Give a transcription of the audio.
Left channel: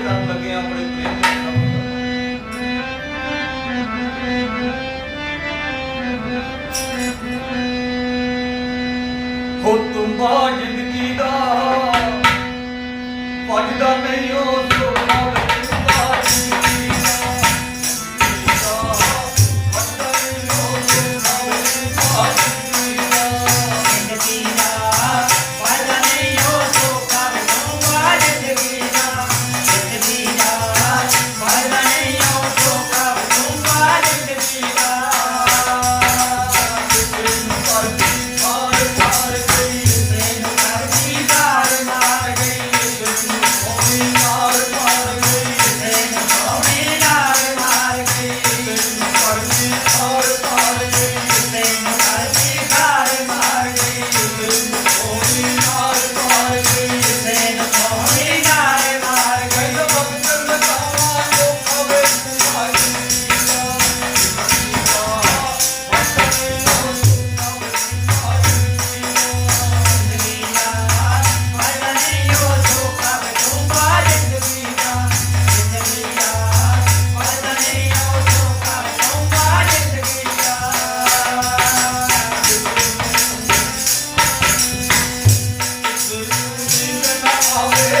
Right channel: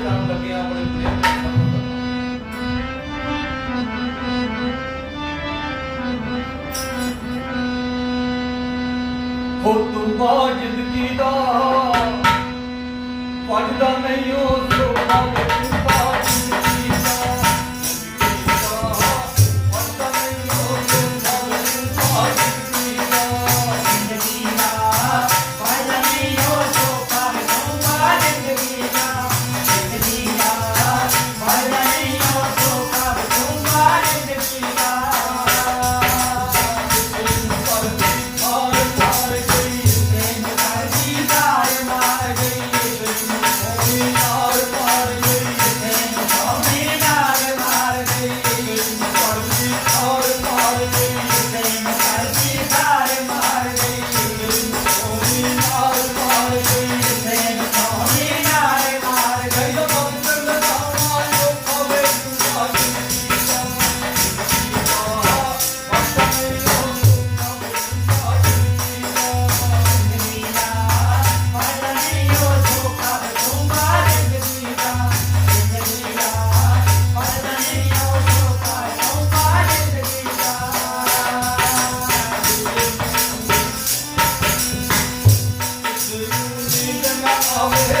ਜਿਹੜੇ ਕੰਮ ਲੱਗੇ ਆ ਆਪਣੇ ਪ੍ਰੇਮ ਦੇ ਕੰਮ ਹੋ ਤੁਮ ਬਾਜ